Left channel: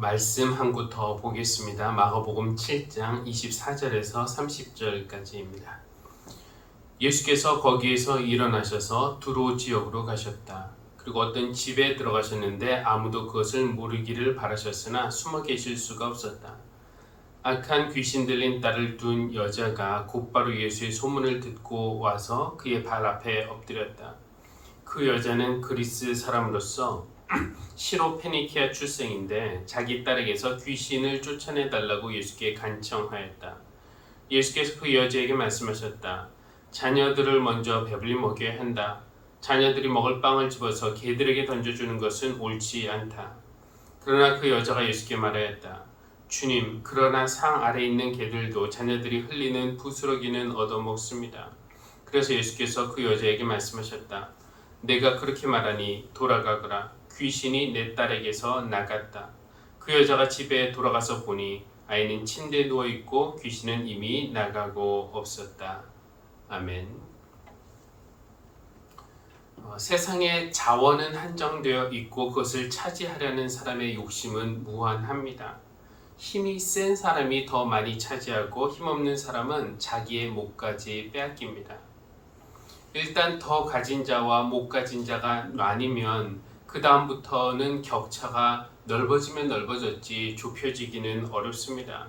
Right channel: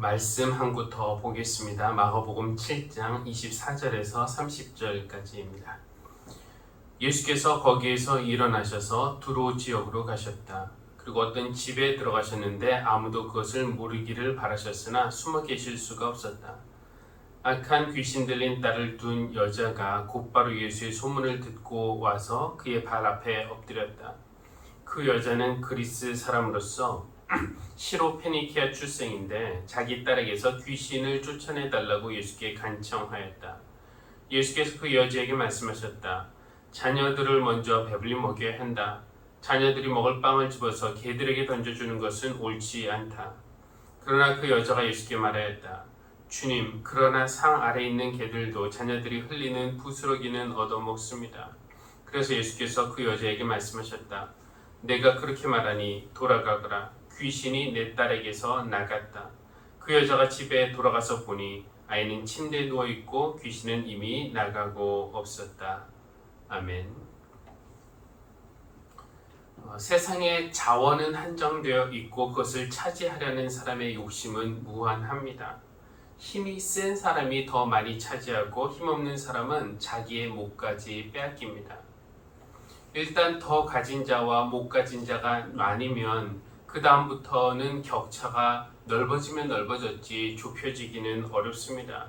말씀 한구더 보겠습니다. 마가복음 7장 24절에서 30절까지입니다. 예수께서 거기에서 일어나셔서 두로 지역으로 가셨다. 그리고 어떤 집에 들어가셨는데 아무도 그것을 모르기를 바라셨으나 숨어 계실 수가 없었다. 악한 귀신 들린 딸을 둔 여자가 곧바로 예수의 소문을 듣고 와서 그의 발 앞에 엎드렸다. 그 여자는 그리스 사람으로서 시로 페니키아 출생인데 자기 딸에게서 귀신을 쫓아내 달라고 예수께 간청하였다. 예수께서 그 여자에게 말씀하셨다. 자녀들을 먼저 배불리 먹여야 한다. 자녀들이 먹을 빵을 집어서 개들에게 던져주는 것은 옳지 않다. 그러나 그 여자가 예수께 말하였다. 주님, 그러나 상 아래 있는 개들도 자녀들이 흘리는 부스러기는 얻어먹습니다. 그래서 예수께서 그 여자에게 말씀하셨다. 내가 그렇게 말하니 돌아가거라. 귀신이 내 딸에게서 나갔다. 그 여자가 집에 돌아가서 보니 아이는 침대에 누워 있고 귀신은 이미 나가고 없었다. 아멘. 어, 세상의 자원은 한정되어 있고 그것을 차지하려는 사람의 욕심은 무한합니다. 힘이 센 사람이 더 많이 차지하고 힘없는 사람은 자기의 몫까지 빼앗깁니다. 일단 더 가진 자와 못 가진 자가 나뉘면 그 다음부터는 격차가 넓어지면 넓어졌지 좁혀지기는 어렵습니다.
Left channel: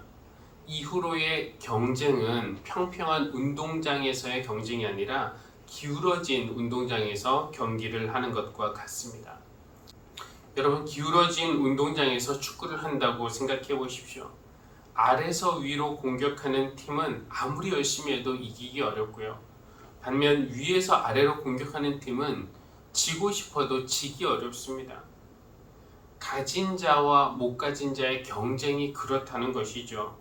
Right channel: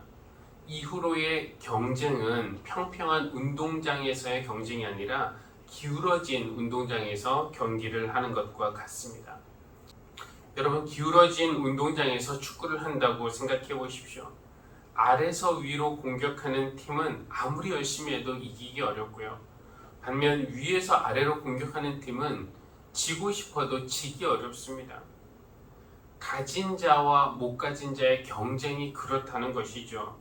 이후로의 경쟁은 평평한 운동장에서의 경쟁이 아니라 기울어진 운동장에서 경기를 하는 것과 같습니다. 여러분 기울어진 운동장에서 축구를 한다고 생각해 보십시오. 아래서 위로 공격하는 팀은 아무리 열심히 해도 이기기 어렵고요. 반면 위에서 아래로 공격하는 팀은 지고 싶어도 지기 어렵습니다. 가진 자와 못 가진 자의 경쟁이 그렇다는 것이죠.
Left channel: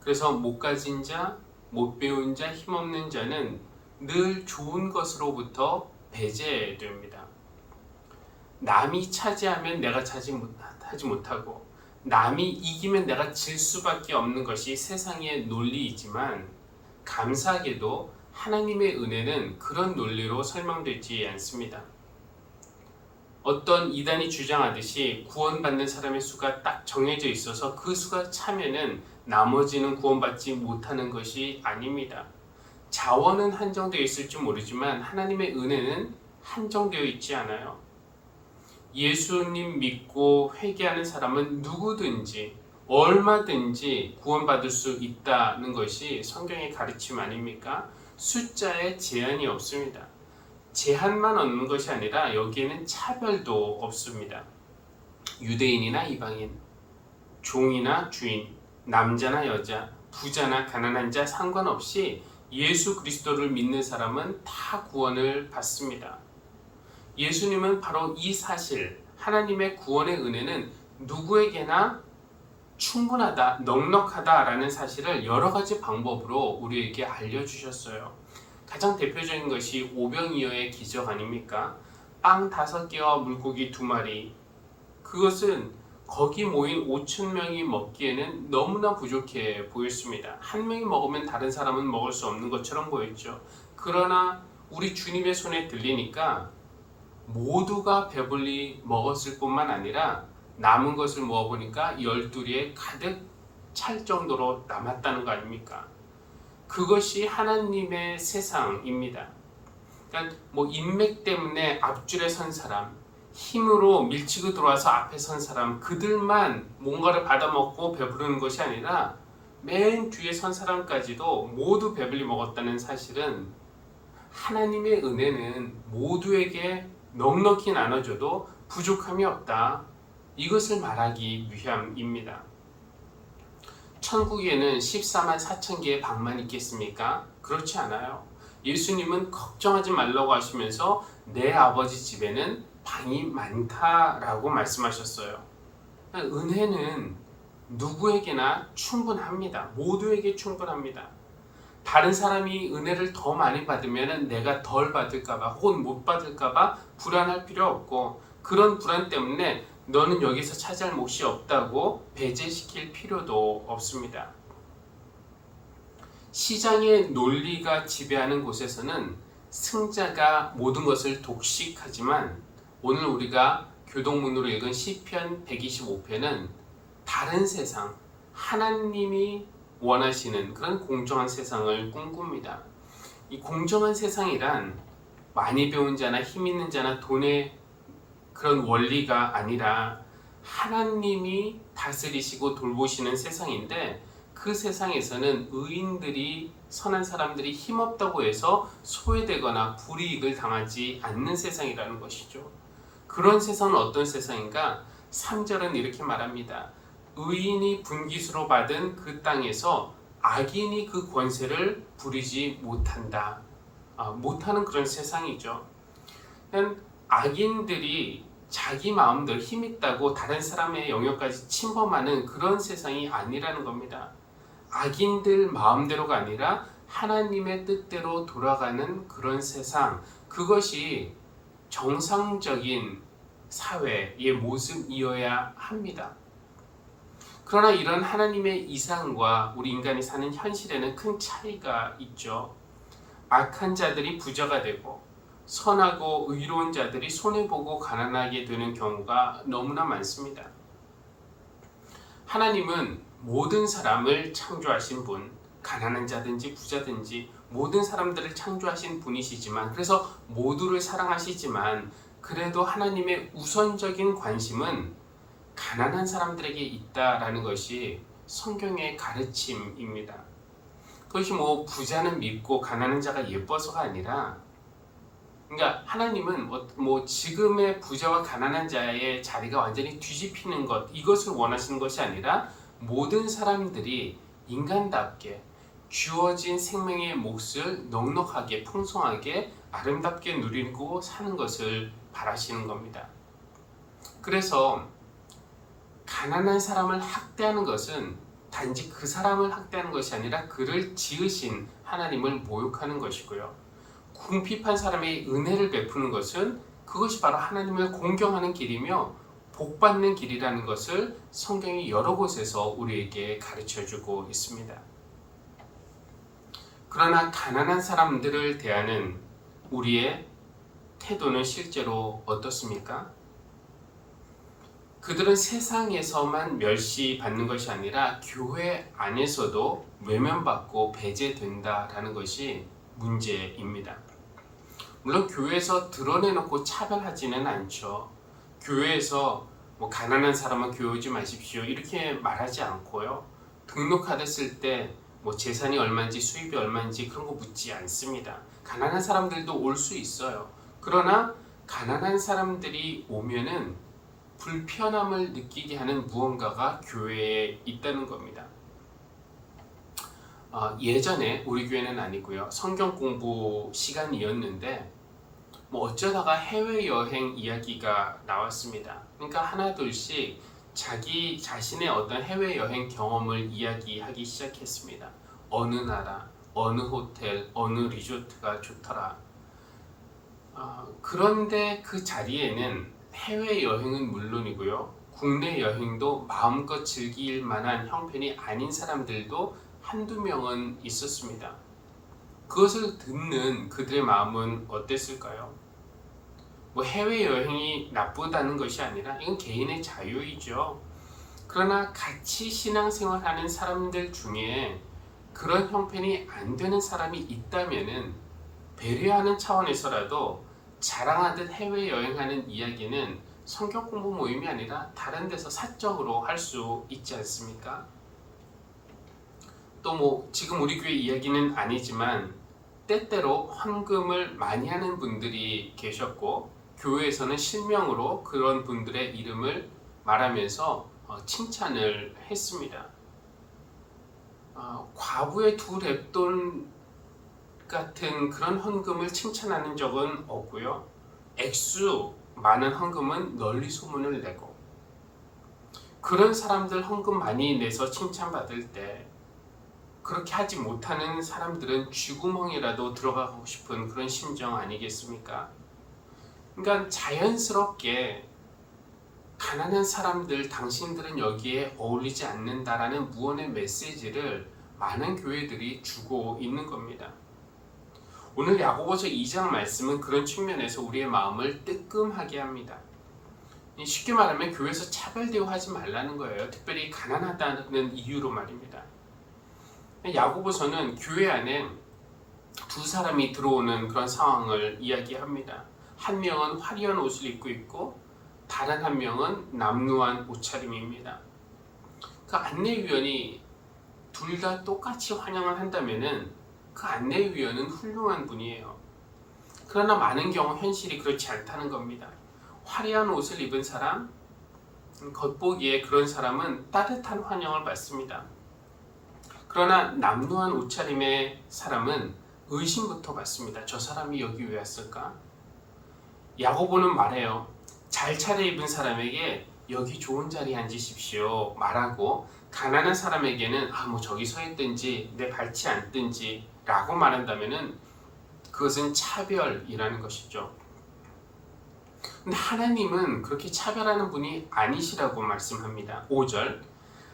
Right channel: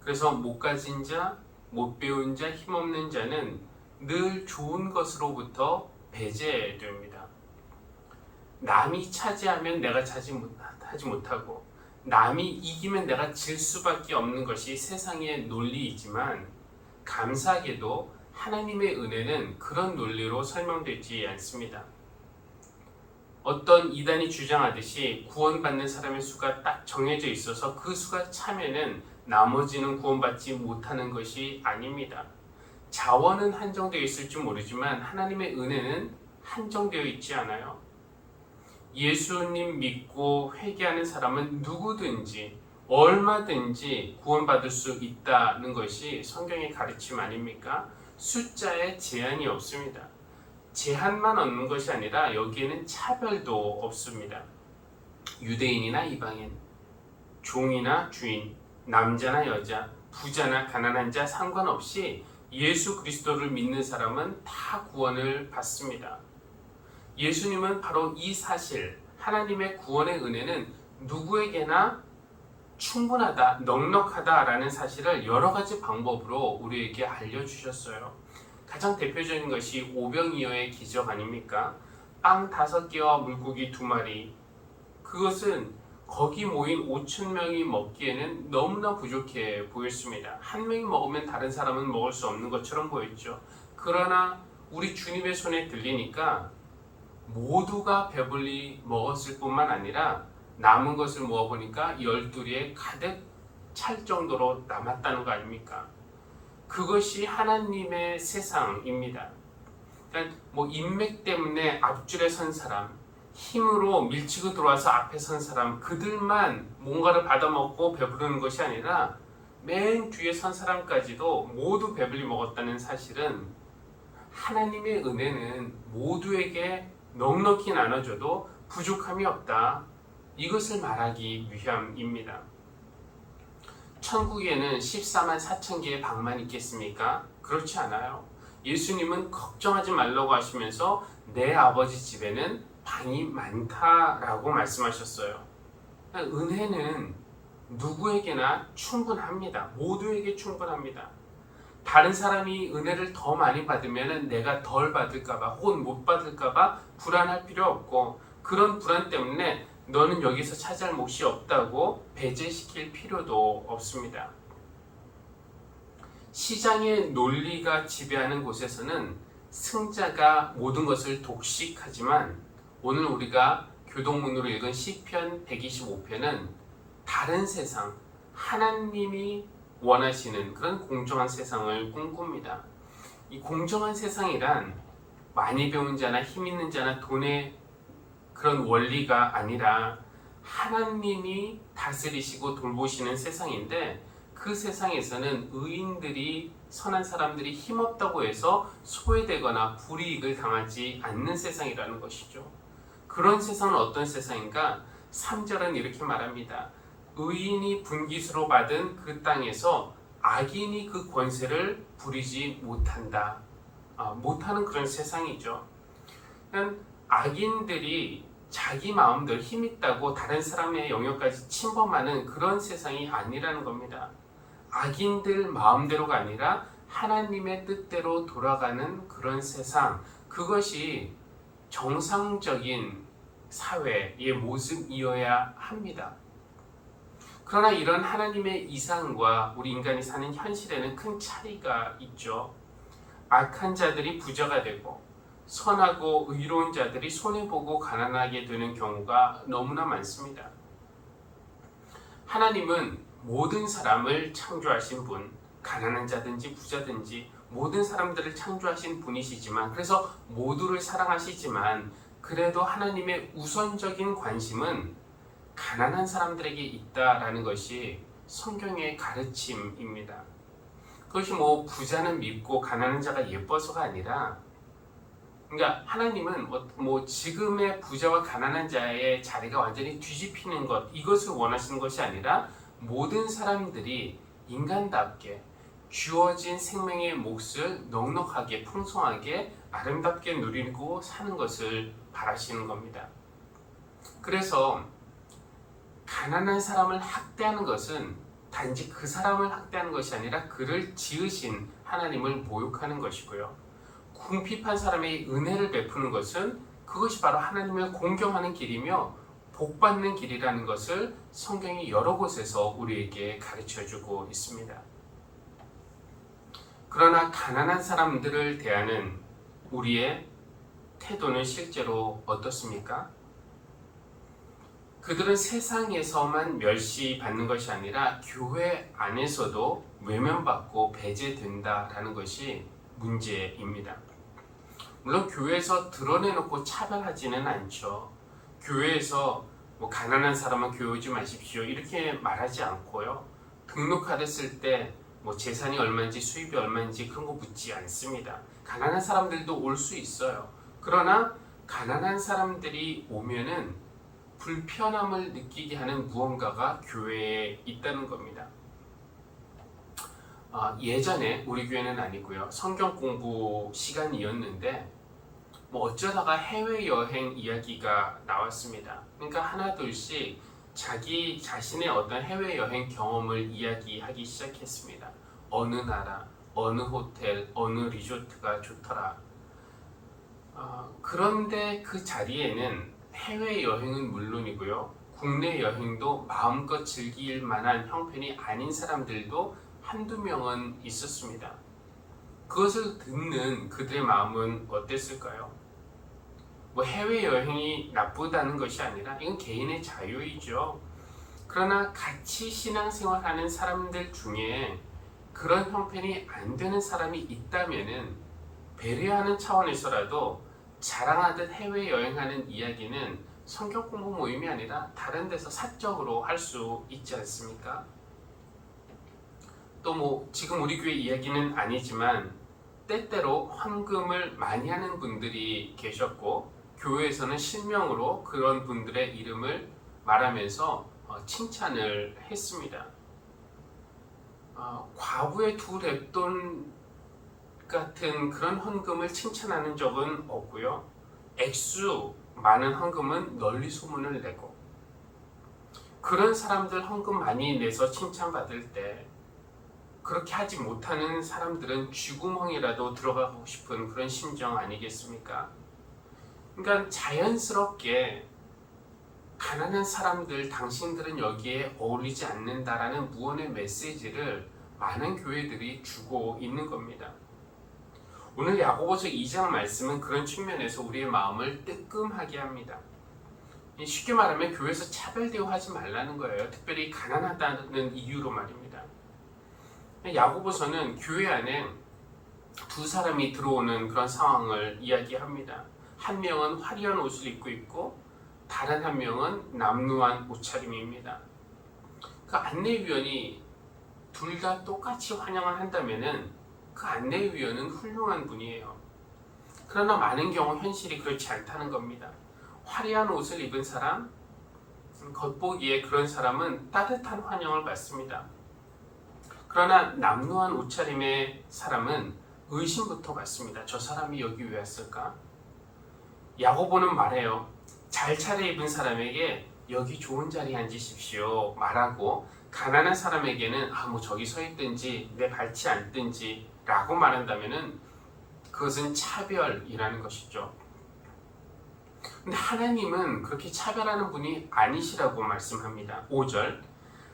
그래서 못 가진 자, 못 배운 자, 힘없는 자는 늘 좋은 것으로부터 배제됩니다. 남이 차지하면 내가 차지 못하지 못하고 남이 이기면 내가 질 수밖에 없는 것이 세상의 논리이지만 감사하게도 하나님의 은혜는 그런 논리로 설명되지 않습니다. 어떤 이단이 주장하듯이 구원받는 사람의 수가 딱 정해져 있어서 그 수가 차면은 나머지는 구원받지 못하는 것이 아닙니다. 자원은 한정되어 있을지 모르지만 하나님의 은혜는 한정되어 있지 않아요. 예수님 믿고 회개하는 사람은 누구든지 얼마든지 구원받을 수 있다는 것이 성경의 가르침 아닙니까? 숫자에 제한이 없습니다. 제한만 없는 것이 아니라 여기에는 차별도 없습니다. 유대인이나 이방인, 종이나 주인, 남자나 여자, 부자나 가난한 자 상관없이 예수 그리스도를 믿는 사람은 다 구원을 받습니다. 예수님은 바로 이 사실, 하나님의 구원의 은혜는 누구에게나 충분하다, 넉넉하다라는 사실을 여러 가지 방법으로 우리에게 알려주셨어요. 가장 대표적인 것이 오병이어의 기적 아닙니까? 빵 다섯 개와 물고기 두 마리. 그것은 거기 모인 5천 명이 먹기에는 너무나 부족해 보였습니다. 한 명이 먹으면 다른 사람은 먹을 수 없는 것처럼 보였죠. 그러나 우리 주님의 손에 들리니까 모두가 배불리 먹었을 뿐만 아니라 남은 것을 모아보니까 열두리에 가득 찰 정도로 남았다는 거 아닙니까? 그것이 하나님의 세상입니다. 그러니까 뭐 인맥 때문에 앞줄에 선 사람, 힘으로 밀치고 들어와서 앞에 선 사람, 그들만 뭔가를 받아먹고 배부르는 것이 아니라 맨 뒤에 선 사람까지도 모두 배불리 먹었다는 사실은 하나님의 은혜는 모두에게 넉넉히 나눠줘도 부족함이 없다. 이것을 말하기 위함입니다. 천국에는 14만 4천 개의 방만 있겠습니까? 그렇지 않아요. 예수님은 걱정하지 말라고 하시면서 내 아버지 집에는 방이 많다라고 말씀하셨어요. 은혜는 누구에게나 충분합니다. 모두에게 충분합니다. 다른 사람이 은혜를 더 많이 받으면 내가 덜 받을까봐 혹은 못 받을까봐 불안할 필요 없고 그런 불안 때문에 너는 여기서 차지할 몫이 없다고 배제시킬 필요도 없습니다. 시장의 논리가 지배하는 곳에서는 승자가 모든 것을 독식하지만 오늘 우리가 교동문으로 읽은 시편 125편은 다른 세상, 하나님이 원하시는 그런 공정한 세상을 꿈꿉니다. 이 공정한 세상이란 많이 배운 자나 힘 있는 자나 돈의 그런 원리가 아니라 하나님이 다스리시고 돌보시는 세상인데 그 세상에서는 의인들이 선한 사람들이 힘없다고 해서 소외되거나 불이익을 당하지 않는 세상이라는 것이죠. 그런 세상은 어떤 세상인가? 3절은 이렇게 말합니다. 의인이 분기수로 받은 그 땅에서 악인이 그 권세를 부리지 못한다. 아, 못하는 그런 세상이죠. 그러니까 악인들이 자기 마음대로 힘 있다고 다른 사람의 영역까지 침범하는 그런 세상이 아니라는 겁니다. 악인들 마음대로가 아니라 하나님의 뜻대로 돌아가는 그런 세상, 그것이 정상적인 사회의 모습이어야 합니다. 그러나 이런 하나님의 이상과 우리 인간이 사는 현실에는 큰 차이가 있죠. 악한 자들이 부자가 되고 선하고 의로운 자들이 손해보고 가난하게 되는 경우가 너무나 많습니다. 하나님은 모든 사람을 창조하신 분, 가난한 자든지 부자든지 모든 사람들을 창조하신 분이시지만 그래서 모두를 사랑하시지만 그래도 하나님의 우선적인 관심은 가난한 사람들에게 있다라는 것이 성경의 가르침입니다. 그것이 뭐 부자는 밉고 가난한 자가 예뻐서가 아니라 그러니까 하나님은 뭐, 뭐 지금의 부자와 가난한 자의 자리가 완전히 뒤집히는 것 이것을 원하시는 것이 아니라 모든 사람들이 인간답게 주어진 생명의 몫을 넉넉하게 풍성하게 아름답게 누리고 사는 것을 바라시는 겁니다. 그래서 가난한 사람을 학대하는 것은 단지 그 사람을 학대하는 것이 아니라 그를 지으신 하나님을 모욕하는 것이고요. 궁핍한 사람의 은혜를 베푸는 것은 그것이 바로 하나님을 공경하는 길이며 복받는 길이라는 것을 성경이 여러 곳에서 우리에게 가르쳐 주고 있습니다. 그러나 가난한 사람들을 대하는 우리의 태도는 실제로 어떻습니까? 그들은 세상에서만 멸시받는 것이 아니라 교회 안에서도 외면받고 배제된다라는 것이 문제입니다. 물론 교회에서 드러내놓고 차별하지는 않죠. 교회에서 뭐 가난한 사람은 교회 오지 마십시오 이렇게 말하지 않고요. 등록하셨을 때 뭐 재산이 얼마인지 수입이 얼마인지 그런 거 묻지 않습니다. 가난한 사람들도 올 수 있어요. 그러나 가난한 사람들이 오면은 불편함을 느끼게 하는 무언가가 교회에 있다는 겁니다. 어, 예전에 우리 교회는 아니고요. 성경 공부 시간이었는데 뭐 어쩌다가 해외 여행 이야기가 나왔습니다. 그러니까 하나둘씩 자기 자신의 어떤 해외 여행 경험을 이야기하기 시작했습니다. 어느 나라, 어느 호텔, 어느 리조트가 좋더라. 어, 그런데 그 자리에는 해외 여행은 물론이고요. 국내 여행도 마음껏 즐길 만한 형편이 아닌 사람들도 한두 명은 있었습니다. 그것을 듣는 그들의 마음은 어땠을까요? 뭐 해외 여행이 나쁘다는 것이 아니라 이건 개인의 자유이죠. 그러나 같이 신앙생활하는 사람들 중에 그런 형편이 안 되는 사람이 있다면은 배려하는 차원에서라도 자랑하듯 해외 여행하는 이야기는 성경 공부 모임이 아니라 다른 데서 사적으로 할 수 있지 않습니까? 또 뭐 지금 우리 교회 이야기는 아니지만 때때로 헌금을 많이 하는 분들이 계셨고 교회에서는 실명으로 그런 분들의 이름을 말하면서 어, 칭찬을 했습니다. 어, 과부의 두 랩돈 같은 그런 헌금을 칭찬하는 적은 없고요. 액수 많은 헌금은 널리 소문을 내고 그런 사람들 헌금 많이 내서 칭찬받을 때 그렇게 하지 못하는 사람들은 쥐구멍이라도 들어가고 싶은 그런 심정 아니겠습니까? 그러니까 자연스럽게 가난한 사람들 당신들은 여기에 어울리지 않는다라는 무언의 메시지를 많은 교회들이 주고 있는 겁니다. 오늘 야고보서 2장 말씀은 그런 측면에서 우리의 마음을 뜨끔하게 합니다. 쉽게 말하면 교회에서 차별 대우하지 말라는 거예요. 특별히 가난하다는 이유로 말입니다. 야고보서는 교회 안에 두 사람이 들어오는 그런 상황을 이야기합니다. 한 명은 화려한 옷을 입고 있고 다른 한 명은 남루한 옷차림입니다. 그 안내위원이 둘 다 똑같이 환영을 한다면은 그 안내위원은 훌륭한 분이에요. 그러나 많은 경우 현실이 그렇지 않다는 겁니다. 화려한 옷을 입은 사람, 겉보기에 그런 사람은 따뜻한 환영을 받습니다. 그러나 남루한 옷차림의 사람은 의심부터 받습니다. 저 사람이 여기 왜 왔을까? 야고보는 말해요. 잘 차려입은 사람에게 여기 좋은 자리에 앉으십시오 말하고 가난한 사람에게는 아 뭐 저기 서 있든지 내 밟지 않든지 라고 말한다면은 그것은 차별이라는 것이죠. 근데 하나님은 그렇게 차별하는 분이 아니시라고 말씀합니다. 5절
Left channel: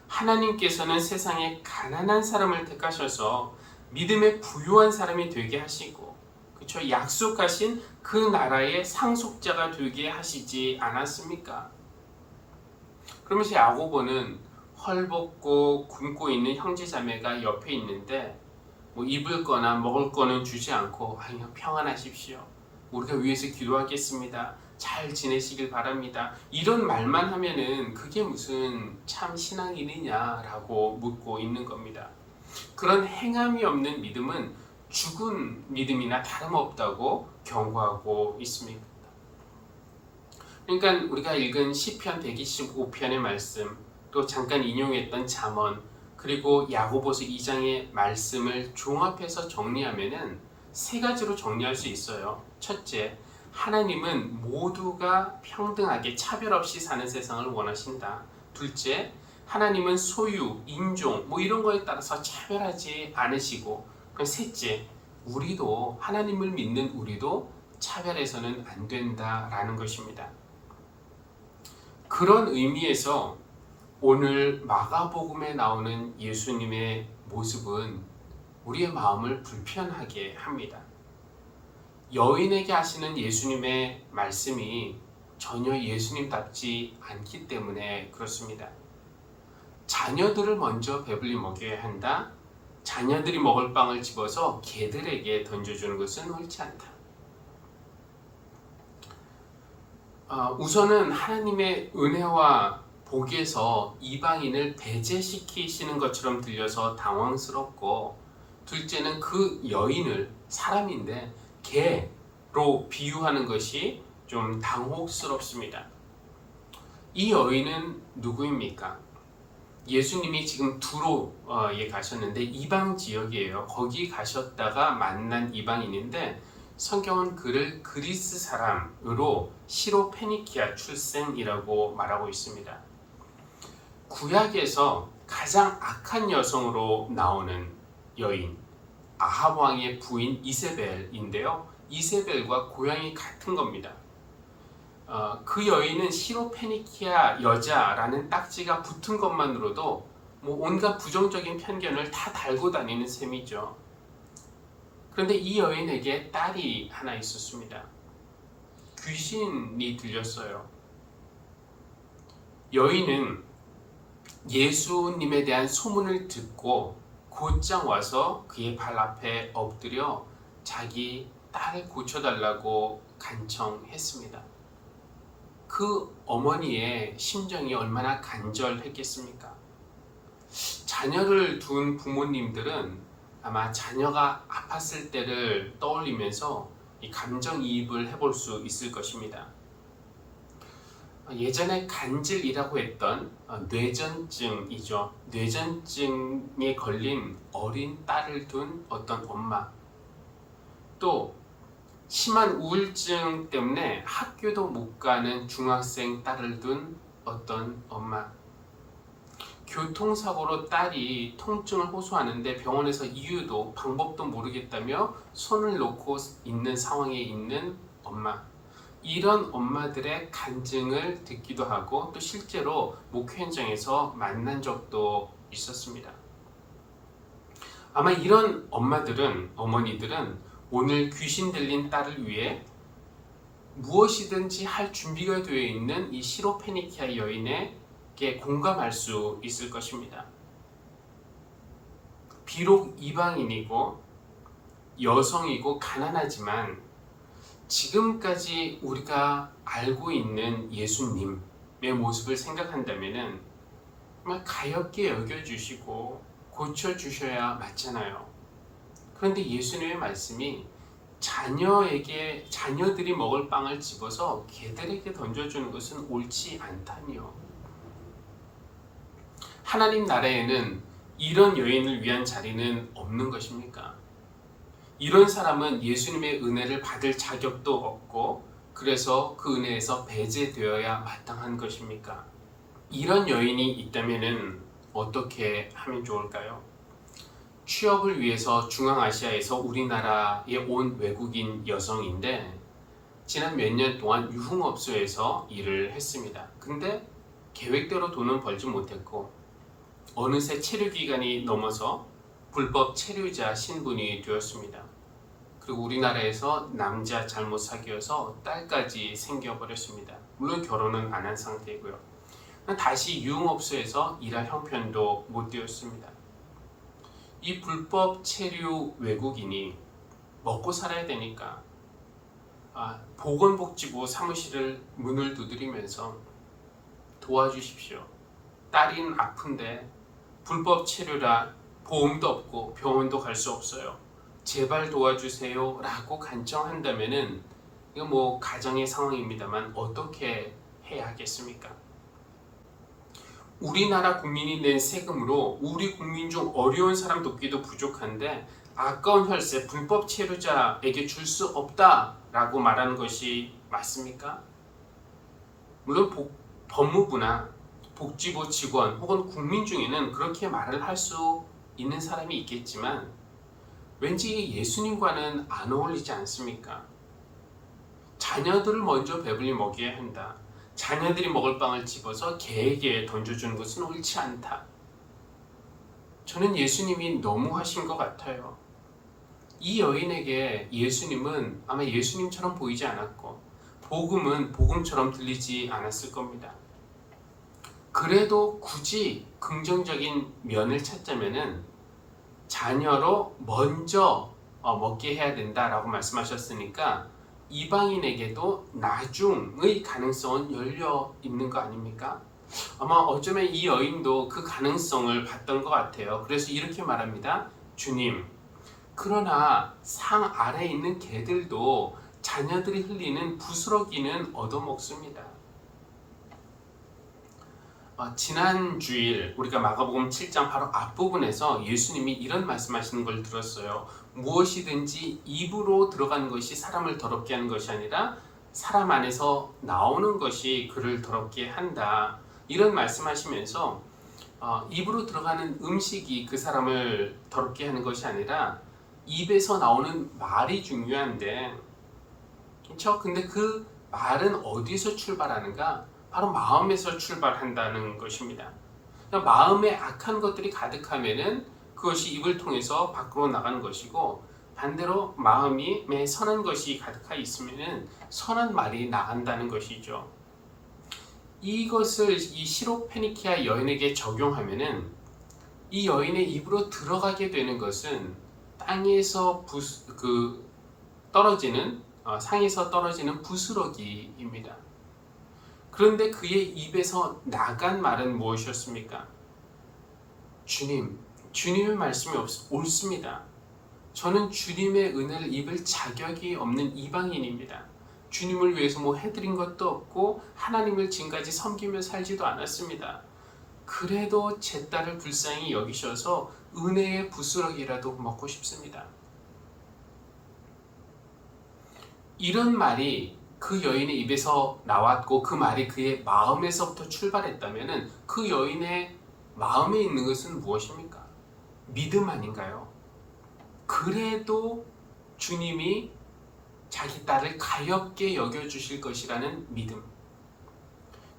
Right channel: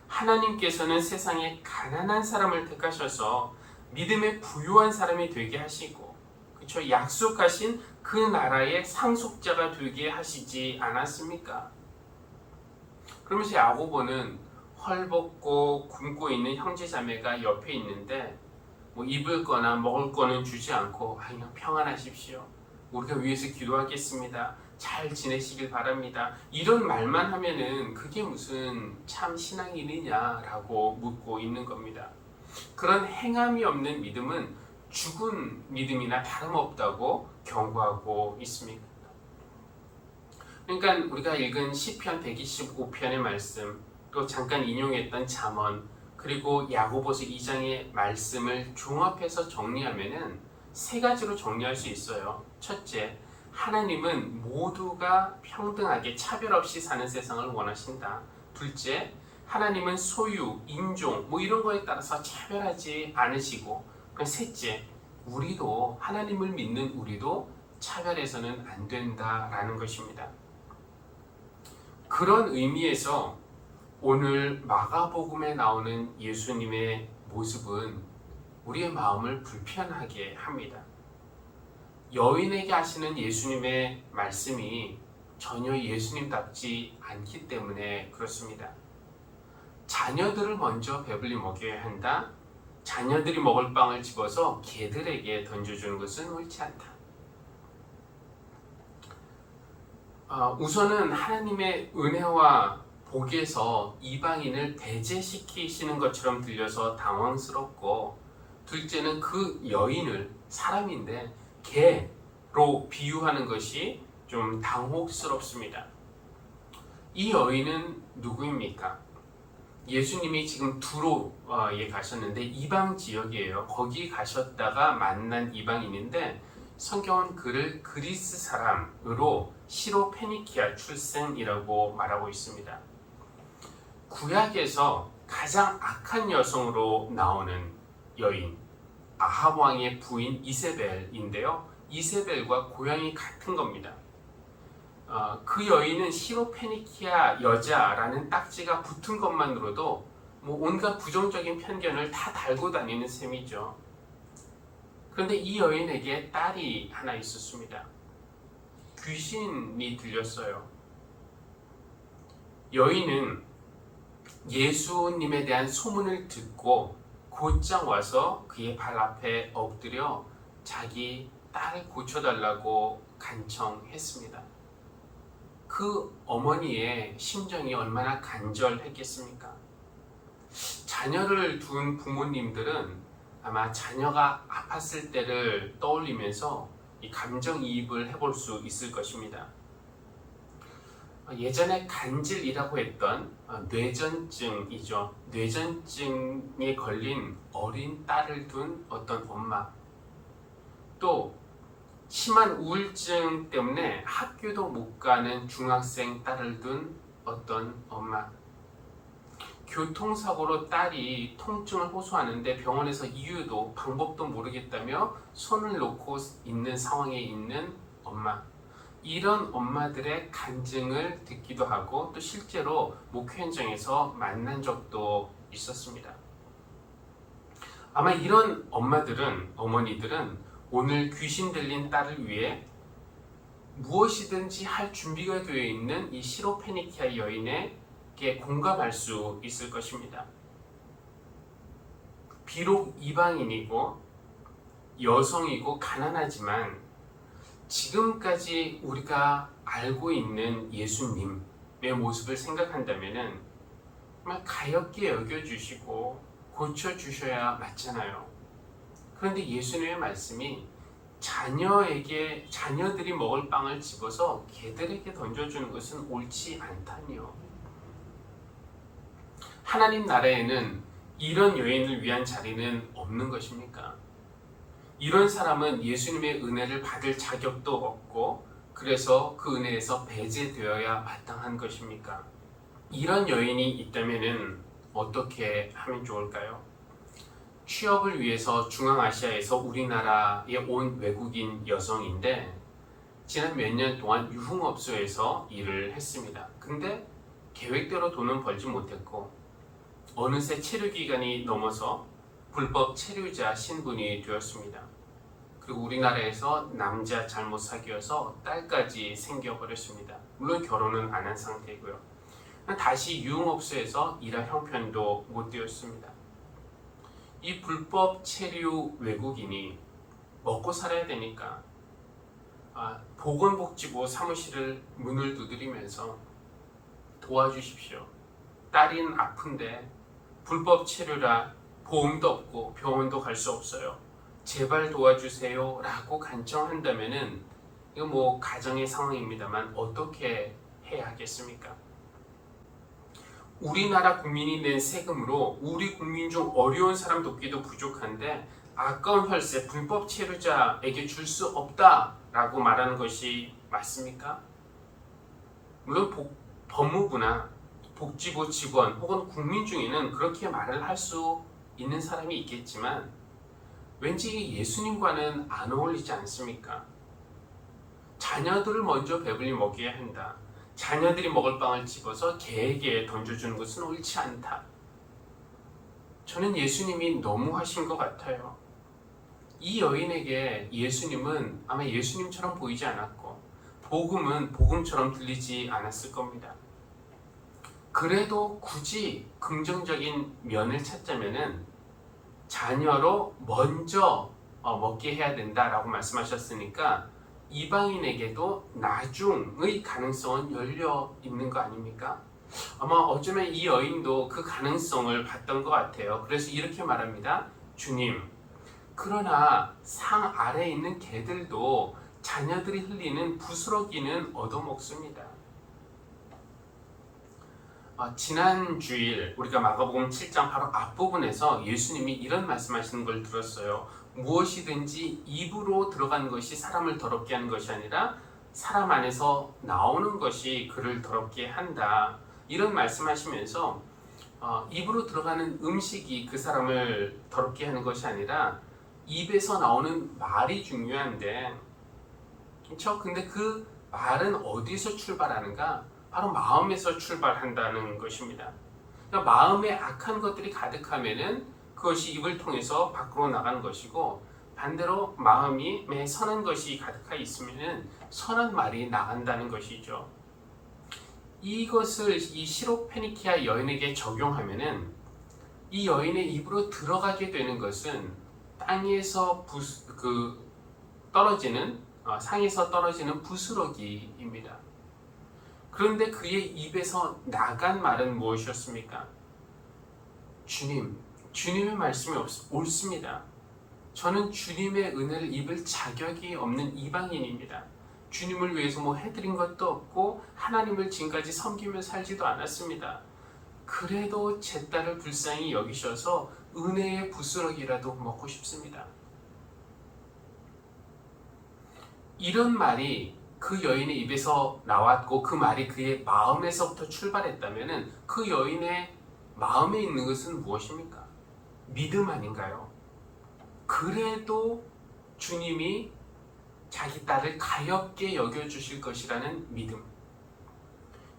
하나님께서는 세상에 가난한 사람을 택하셔서 믿음에 부유한 사람이 되게 하시고 그렇죠? 약속하신 그 나라의 상속자가 되게 하시지 않았습니까? 그러면서 야고보는 헐벗고 굶고 있는 형제 자매가 옆에 있는데 뭐 입을 거나 먹을 거는 주지 않고 아 그냥 평안하십시오. 우리가 위해서 기도하겠습니다. 잘 지내시길 바랍니다. 이런 말만 하면은 그게 무슨 참 신앙이느냐라고 묻고 있는 겁니다. 그런 행함이 없는 믿음은 죽은 믿음이나 다름없다고 경고하고 있습니다. 그러니까 우리가 읽은 시편 125편의 말씀, 또 잠깐 인용했던 잠언, 그리고 야고보서 2장의 말씀을 종합해서 정리하면은 세 가지로 정리할 수 있어요. 첫째, 하나님은 모두가 평등하게 차별 없이 사는 세상을 원하신다. 둘째, 하나님은 소유, 인종 뭐 이런 거에 따라서 차별하지 않으시고 그 셋째, 우리도 하나님을 믿는 우리도 차별해서는 안 된다라는 것입니다. 그런 의미에서 오늘 마가복음에 나오는 예수님의 모습은 우리의 마음을 불편하게 합니다. 여인에게 하시는 예수님의 말씀이 전혀 예수님답지 않기 때문에 그렇습니다. 자녀들을 먼저 배불리 먹여야 한다. 자녀들이 먹을 빵을 집어서 개들에게 던져주는 것은 옳지 않다. 어, 우선은 하나님의 은혜와 복에서 이방인을 배제시키시는 것처럼 들려서 당황스럽고 둘째는 그 여인을 사람인데 개로 비유하는 것이 좀 당혹스럽습니다. 이 여인은 누구입니까? 예수님이 지금 두로에 가셨는데 이방 지역이에요. 거기 가셨다가 만난 이방인인데 성경은 그를 그리스 사람으로 시로 페니키아 출생이라고 말하고 있습니다. 구약에서 가장 악한 여성으로 나오는 여인 아합 왕의 부인 이세벨인데요. 이세벨과 고향이 같은 겁니다. 어, 그 여인은 시로페니키아 여자라는 딱지가 붙은 것만으로도 뭐 온갖 부정적인 편견을 다 달고 다니는 셈이죠. 그런데 이 여인에게 딸이 하나 있었습니다. 귀신이 들렸어요. 여인은 예수님에 대한 소문을 듣고 곧장 와서 그의 발 앞에 엎드려 자기 딸을 고쳐달라고 간청했습니다. 그 어머니의 심정이 얼마나 간절했겠습니까? 자녀를 둔 부모님들은 아마 자녀가 아팠을 때를 떠올리면서 이 감정이입을 해볼 수 있을 것입니다. 예전에 간질이라고 했던 어, 뇌전증이죠. 뇌전증에 걸린 어린 딸을 둔 어떤 엄마. 또 심한 우울증 때문에 학교도 못 가는 중학생 딸을 둔 어떤 엄마. 교통사고로 딸이 통증을 호소하는데 병원에서 이유도 방법도 모르겠다며 손을 놓고 있는 상황에 있는 엄마. 이런 엄마들의 간증을 듣기도 하고 또 실제로 목회 현장에서 만난 적도 있었습니다. 아마 이런 엄마들은 어머니들은 오늘 귀신 들린 딸을 위해 무엇이든지 할 준비가 되어 있는 이 시로페니키아 여인에게 공감할 수 있을 것입니다. 비록 이방인이고 여성이고 가난하지만 지금까지 우리가 알고 있는 예수님의 모습을 생각한다면은 정말 가엽게 여겨주시고 고쳐주셔야 맞잖아요. 그런데 예수님의 말씀이 자녀에게 자녀들이 먹을 빵을 집어서 개들에게 던져주는 것은 옳지 않다니요. 하나님 나라에는 이런 여인을 위한 자리는 없는 것입니까? 이런 사람은 예수님의 은혜를 받을 자격도 없고 그래서 그 은혜에서 배제되어야 마땅한 것입니까? 이런 여인이 있다면은 어떻게 하면 좋을까요? 취업을 위해서 중앙아시아에서 우리나라에 온 외국인 여성인데 지난 몇 년 동안 유흥업소에서 일을 했습니다. 근데 계획대로 돈은 벌지 못했고 어느새 체류 기간이 넘어서 불법 체류자 신분이 되었습니다. 그리고 우리나라에서 남자 잘못 사귀어서 딸까지 생겨버렸습니다. 물론 결혼은 안 한 상태이고요. 다시 유흥업소에서 일할 형편도 못 되었습니다. 이 불법 체류 외국인이 먹고 살아야 되니까 아, 보건복지부 사무실을 문을 두드리면서 도와주십시오. 딸인 아픈데 불법 체류라 보험도 없고 병원도 갈 수 없어요. 제발 도와주세요 라고 간청한다면은 이거 뭐 가정의 상황입니다만 어떻게 해야 하겠습니까? 우리나라 국민이 낸 세금으로 우리 국민 중 어려운 사람 돕기도 부족한데 아까운 혈세 불법 체류자에게 줄 수 없다라고 말하는 것이 맞습니까? 물론 복, 법무부나 복지부 직원 혹은 국민 중에는 그렇게 말을 할 수 있는 사람이 있겠지만 왠지 예수님과는 안 어울리지 않습니까? 자녀들을 먼저 배불리 먹여야 한다. 자녀들이 먹을 빵을 집어서 개에게 던져주는 것은 옳지 않다. 저는 예수님이 너무 하신 것 같아요. 이 여인에게 예수님은 아마 예수님처럼 보이지 않았고, 복음은 복음처럼 들리지 않았을 겁니다. 그래도 굳이 긍정적인 면을 찾자면은 자녀로 먼저 어, 먹게 해야 된다라고 말씀하셨으니까 이방인에게도 나중의 가능성은 열려 있는 거 아닙니까? 아마 어쩌면 이 여인도 그 가능성을 봤던 것 같아요. 그래서 이렇게 말합니다. 주님, 그러나 상 아래에 있는 개들도 자녀들이 흘리는 부스러기는 얻어먹습니다. 어, 지난 주일 우리가 마가복음 7장 바로 앞부분에서 예수님이 이런 말씀하시는 걸 들었어요. 무엇이든지 입으로 들어가는 것이 사람을 더럽게 하는 것이 아니라 사람 안에서 나오는 것이 그를 더럽게 한다. 이런 말씀하시면서 어, 입으로 들어가는 음식이 그 사람을 더럽게 하는 것이 아니라 입에서 나오는 말이 중요한데 그렇죠? 근데 그 말은 어디서 출발하는가? 바로 마음에서 출발한다는 것입니다. 그러니까 마음에 악한 것들이 가득하면은 그것이 입을 통해서 밖으로 나가는 것이고 반대로 마음이 매 선한 것이 가득하 있으면은 선한 말이 나간다는 것이죠. 이것을 이 시로 페니키아 여인에게 적용하면은 이 여인의 입으로 들어가게 되는 것은 땅에서 부, 그 떨어지는 어, 상에서 떨어지는 부스러기입니다. 그런데 그의 입에서 나간 말은 무엇이었습니까? 주님, 주님의 말씀이 없, 옳습니다. 저는 주님의 은혜를 입을 자격이 없는 이방인입니다. 주님을 위해서 뭐 해드린 것도 없고 하나님을 지금까지 섬기며 살지도 않았습니다. 그래도 제 딸을 불쌍히 여기셔서 은혜의 부스러기라도 먹고 싶습니다. 이런 말이 그 여인의 입에서 나왔고 그 말이 그의 마음에서부터 출발했다면 그 여인의 마음에 있는 것은 무엇입니까? 믿음 아닌가요? 그래도 주님이 자기 딸을 가엽게 여겨주실 것이라는 믿음.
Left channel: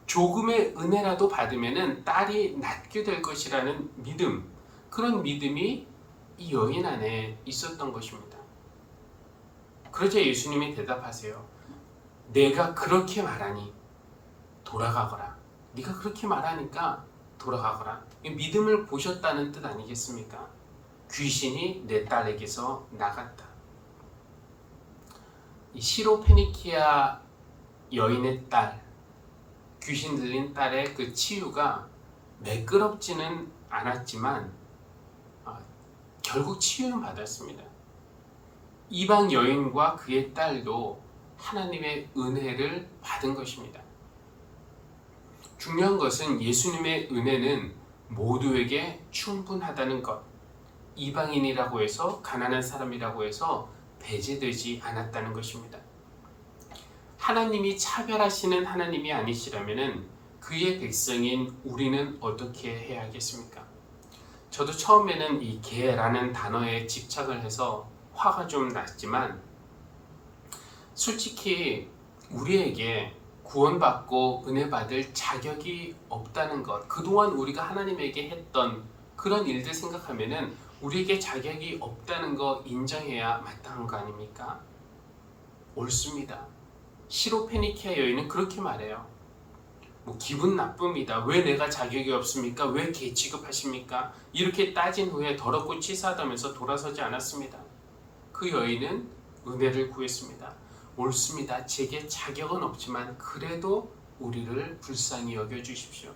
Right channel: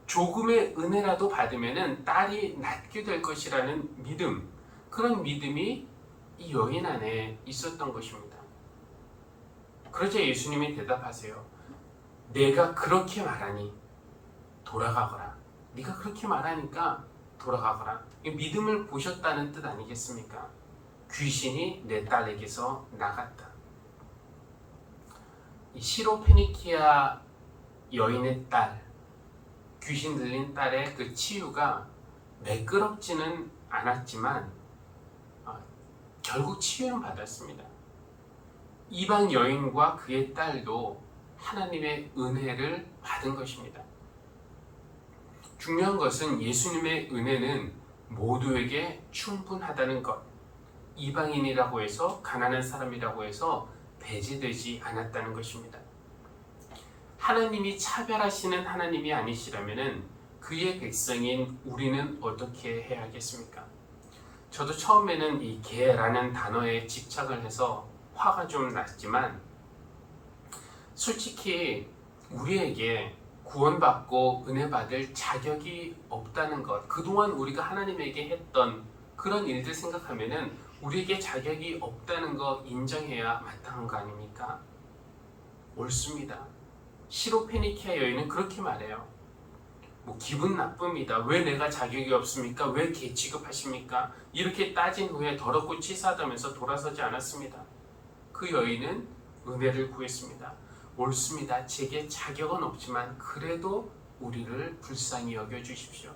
조금의 은혜라도 받으면 딸이 낫게 될 것이라는 믿음. 그런 믿음이 이 여인 안에 있었던 것입니다. 그러자 예수님이 대답하세요. 내가 그렇게 말하니 돌아가거라. 네가 그렇게 말하니까 돌아가거라. 이 믿음을 보셨다는 뜻 아니겠습니까? 귀신이 내 딸에게서 나갔다. 이 시로페니키아 여인의 딸, 귀신 들린 딸의 그 치유가 매끄럽지는 않았지만 아, 결국 치유는 받았습니다. 이방 여인과 그의 딸도 하나님의 은혜를 받은 것입니다. 중요한 것은 예수님의 은혜는 모두에게 충분하다는 것. 이방인이라고 해서 가난한 사람이라고 해서 배제되지 않았다는 것입니다. 하나님이 차별하시는 하나님이 아니시라면은 그의 백성인 우리는 어떻게 해야 하겠습니까? 저도 처음에는 이 개라는 단어에 집착을 해서 화가 좀 났지만 솔직히 우리에게 구원받고 은혜 받을 자격이 없다는 것 그동안 우리가 하나님에게 했던 그런 일들 생각하면은 우리에게 자격이 없다는 거 인정해야 마땅한 거 아닙니까? 옳습니다. 시로 페니키아 여인은 그렇게 말해요. 뭐 기분 나쁩니다. 왜 내가 자격이 없습니까? 왜 개 취급하십니까? 이렇게 따진 후에 더럽고 치사하다면서 돌아서지 않았습니다. 그 여인은 은혜를 구했습니다. 옳습니다. 제게 자격은 없지만 그래도 우리를 불쌍히 여겨 주십시오.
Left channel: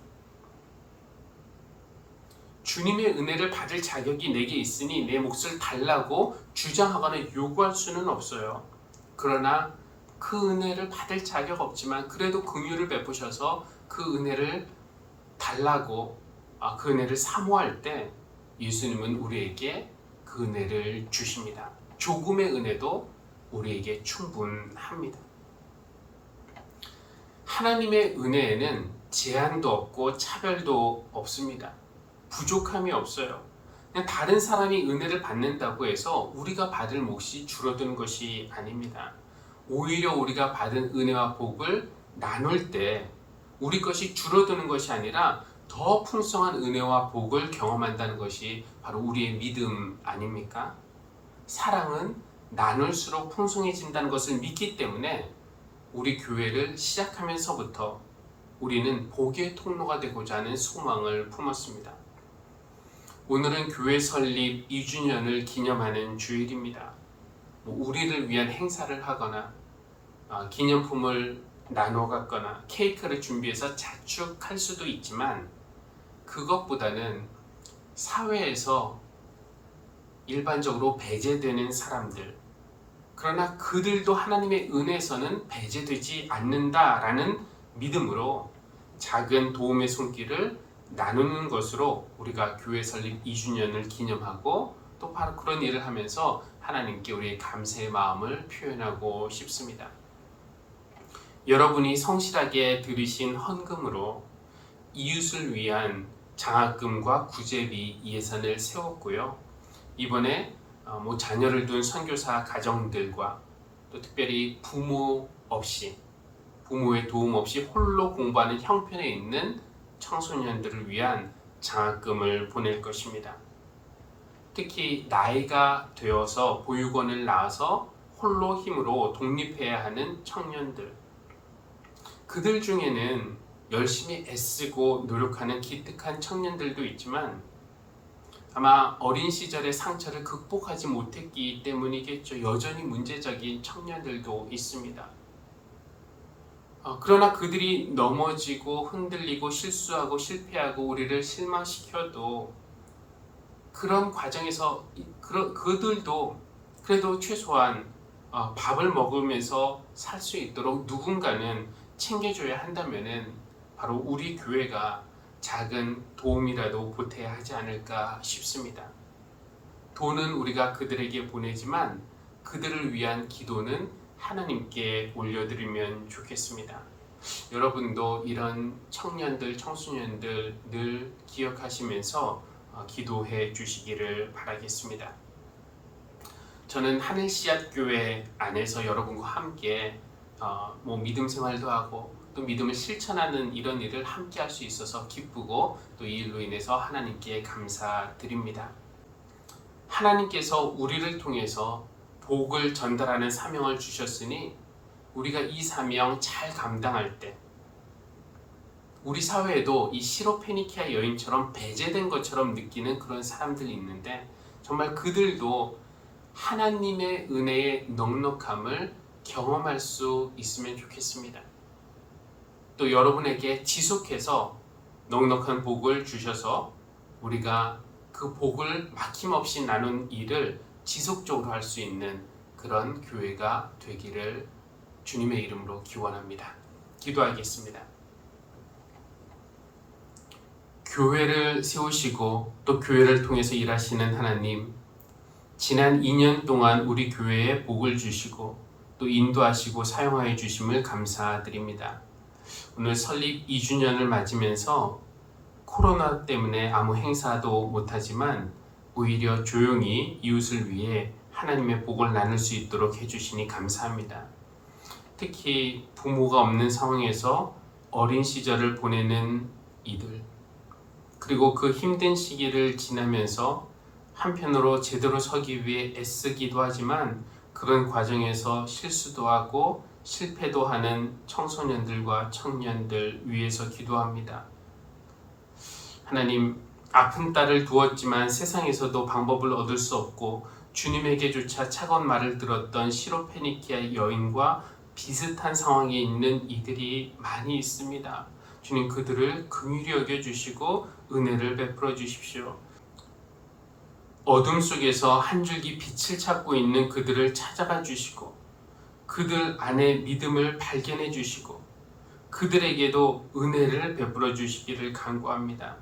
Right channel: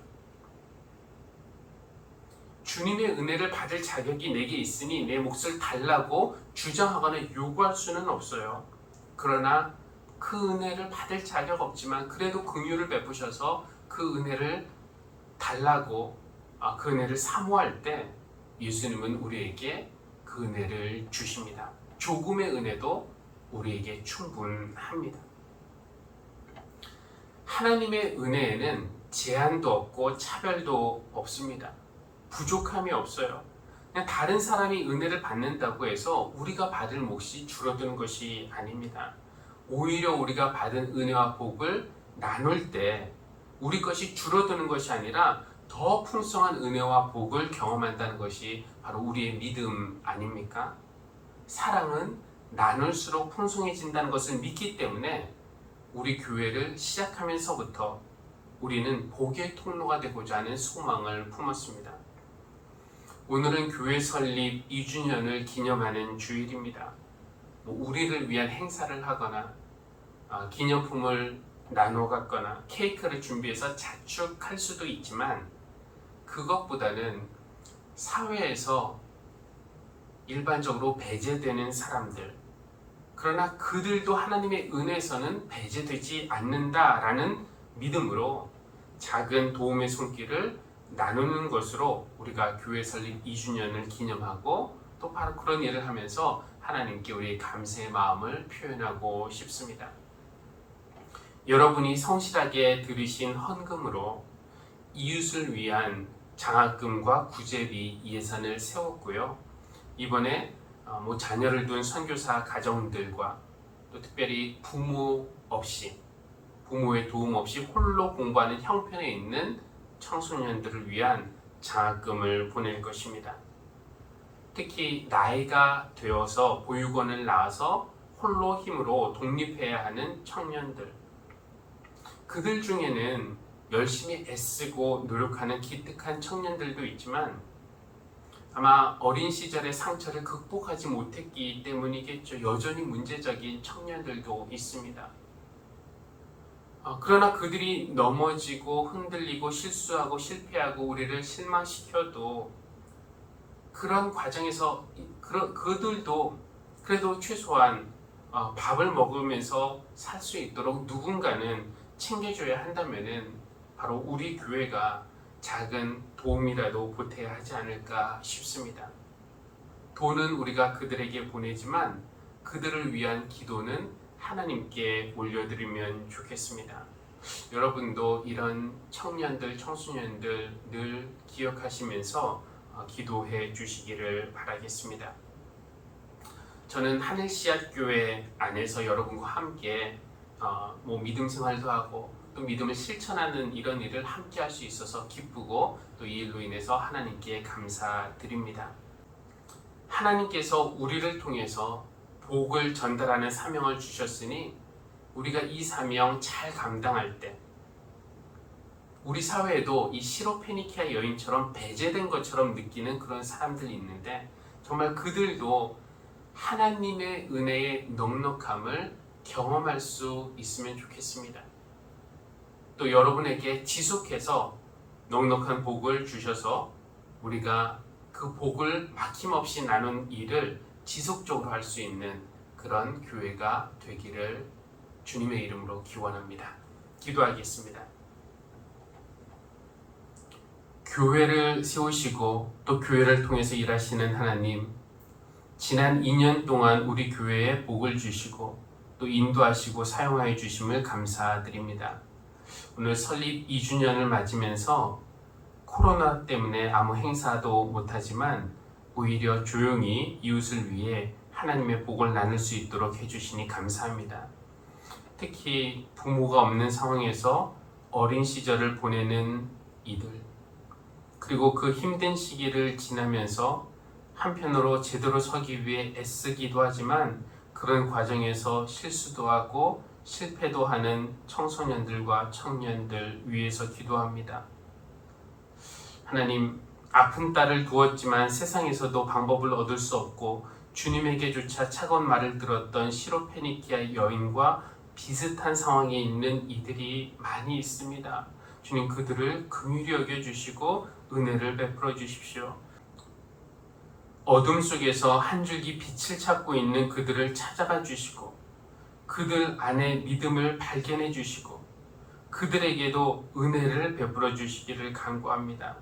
주님의 은혜를 받을 자격이 내게 있으니 내 몫을 달라고 주장하거나 요구할 수는 없어요. 그러나 그 은혜를 받을 자격 없지만 그래도 긍휼을 베푸셔서 그 은혜를 달라고 아, 그 은혜를 사모할 때 예수님은 우리에게 그 은혜를 주십니다. 조금의 은혜도 우리에게 충분합니다. 하나님의 은혜에는 제한도 없고 차별도 없습니다. 부족함이 없어요. 그냥 다른 사람이 은혜를 받는다고 해서 우리가 받을 몫이 줄어드는 것이 아닙니다. 오히려 우리가 받은 은혜와 복을 나눌 때 우리 것이 줄어드는 것이 아니라 더 풍성한 은혜와 복을 경험한다는 것이 바로 우리의 믿음 아닙니까? 사랑은 나눌수록 풍성해진다는 것을 믿기 때문에 우리 교회를 시작하면서부터 우리는 복의 통로가 되고자 하는 소망을 품었습니다. 오늘은 교회 설립 2주년을 기념하는 주일입니다. 뭐 우리를 위한 행사를 하거나 아, 기념품을 나눠 갖거나 케이크를 준비해서 자축할 수도 있지만 그것보다는 사회에서 일반적으로 배제되는 사람들 그러나 그들도 하나님의 은혜에서는 배제되지 않는다라는 믿음으로 작은 도움의 손길을 나누는 것으로 우리가 교회 설립 2주년을 기념하고 또 바로 그런 일을 하면서 하나님께 우리의 감사의 마음을 표현하고 싶습니다. 여러분이 성실하게 들으신 헌금으로 이웃을 위한 장학금과 구제비 예산을 세웠고요. 이번에 어, 뭐 자녀를 둔 선교사 가정들과 또 특별히 부모 없이 부모의 도움 없이 홀로 공부하는 형편에 있는 청소년들을 위한 장학금을 보낼 것입니다. 특히 나이가 되어서 보육원을 나와서 홀로 힘으로 독립해야 하는 청년들. 그들 중에는 열심히 애쓰고 노력하는 기특한 청년들도 있지만 아마 어린 시절의 상처를 극복하지 못했기 때문이겠죠. 여전히 문제적인 청년들도 있습니다. 어, 그러나 그들이 넘어지고 흔들리고 실수하고 실패하고 우리를 실망시켜도 그런 과정에서 그, 그들도 그래도 최소한 어, 밥을 먹으면서 살 수 있도록 누군가는 챙겨줘야 한다면은 바로 우리 교회가 작은 도움이라도 보태야 하지 않을까 싶습니다. 돈은 우리가 그들에게 보내지만 그들을 위한 기도는 하나님께 올려드리면 좋겠습니다. 여러분도 이런 청년들, 청소년들 늘 기억하시면서 어, 기도해 주시기를 바라겠습니다. 저는 하늘 씨앗 교회 안에서 여러분과 함께 어, 뭐 믿음 생활도 하고 또 믿음을 실천하는 이런 일을 함께 할 수 있어서 기쁘고 또 이 일로 인해서 하나님께 감사드립니다. 하나님께서 우리를 통해서 복을 전달하는 사명을 주셨으니 우리가 이 사명 잘 감당할 때 우리 사회에도 이 시로페니키아 여인처럼 배제된 것처럼 느끼는 그런 사람들이 있는데 정말 그들도 하나님의 은혜의 넉넉함을 경험할 수 있으면 좋겠습니다. 또 여러분에게 지속해서 넉넉한 복을 주셔서 우리가 그 복을 막힘없이 나눈 일을 지속적으로 할 수 있는 그런 교회가 되기를 주님의 이름으로 기원합니다. 기도하겠습니다. 교회를 세우시고 또 교회를 통해서 일하시는 하나님, 지난 2년 동안 우리 교회에 복을 주시고 또 인도하시고 사용하여 주심을 감사드립니다. 오늘 설립 2주년을 맞으면서 코로나 때문에 아무 행사도 못하지만 오히려 조용히 이웃을 위해 하나님의 복을 나눌 수 있도록 해주시니 감사합니다. 특히 부모가 없는 상황에서 어린 시절을 보내는 이들, 그리고 그 힘든 시기를 지나면서 한편으로 제대로 서기 위해 애쓰기도 하지만 그런 과정에서 실수도 하고 실패도 하는 청소년들과 청년들 위해서 기도합니다. 하나님, 아픈 딸을 두었지만 세상에서도 방법을 얻을 수 없고 주님에게조차 차가운 말을 들었던 시로페니키아 여인과 비슷한 상황에 있는 이들이 많이 있습니다. 주님 그들을 긍휼히 여겨 주시고 은혜를 베풀어 주십시오. 어둠 속에서 한 줄기 빛을 찾고 있는 그들을 찾아가 주시고 그들 안에 믿음을 발견해 주시고 그들에게도 은혜를 베풀어 주시기를 간구합니다.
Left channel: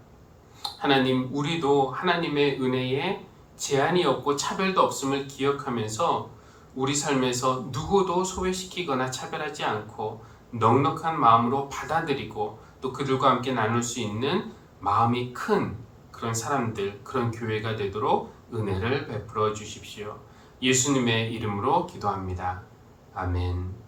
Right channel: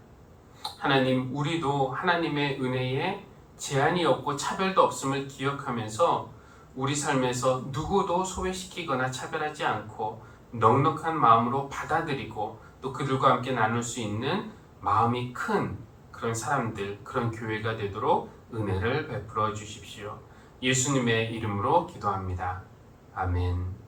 하나님, 우리도 하나님의 은혜에 제한이 없고 차별도 없음을 기억하면서 우리 삶에서 누구도 소외시키거나 차별하지 않고 넉넉한 마음으로 받아들이고 또 그들과 함께 나눌 수 있는 마음이 큰 그런 사람들, 그런 교회가 되도록 은혜를 베풀어 주십시오. 예수님의 이름으로 기도합니다. 아멘.